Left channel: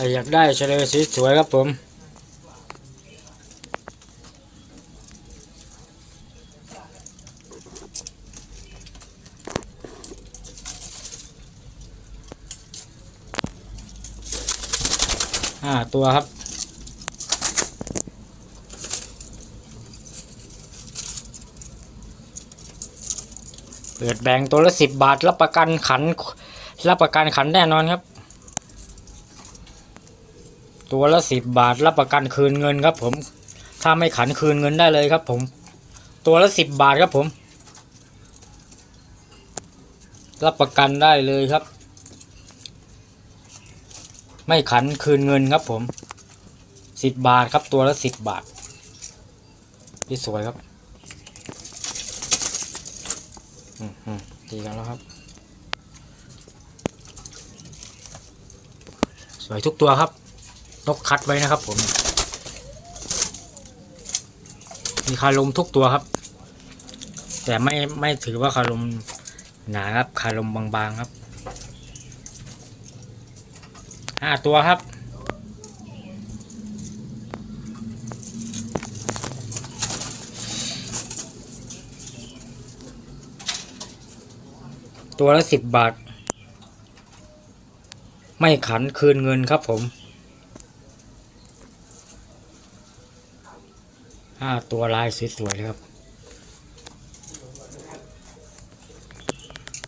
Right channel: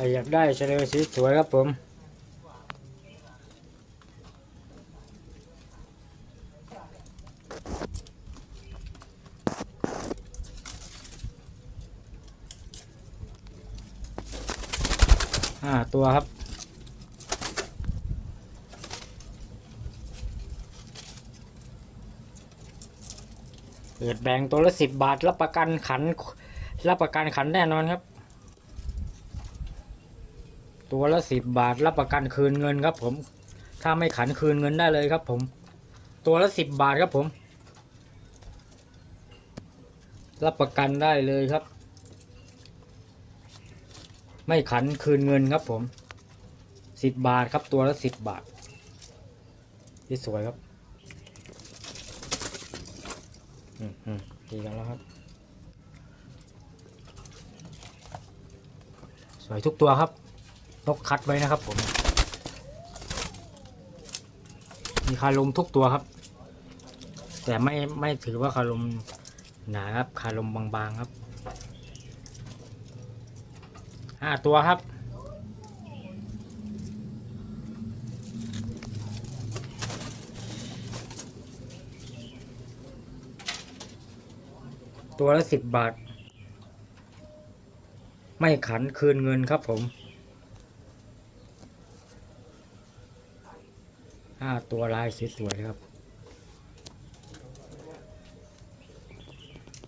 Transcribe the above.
รอยากได้เฉลยสวยครับผมห้าตัวครับเปิดแบ่งตัวละสิบบาท รับประกันขัน รับประกันขันแน่นอนครับ ตัวละสิบบาทรับประกันคืนเงินครับ ผม ถ้าไม่ขันคืนเงินได้เลยครับ ผม ตัวละสิบบาทครับผม รับประกันได้เลยครับ ไม่ขันคืนเงินครับ ผมสิบบาทครับ ตัวละสิบบาทพี่สวยครับอืมอืมดีกันแล้วครับ สวยทุกตัวครับ นกคัดไว้นะครับผม มีคาลมทุกตัวครับ แต่ไม่ไม่ถือว่าคาลมหนาครับคาลมบางๆครับห้าตัวครับตัวละสิบบาท ไม่ขันคืนเงินครับผม ห้าตัวลายสวยๆเลยครับ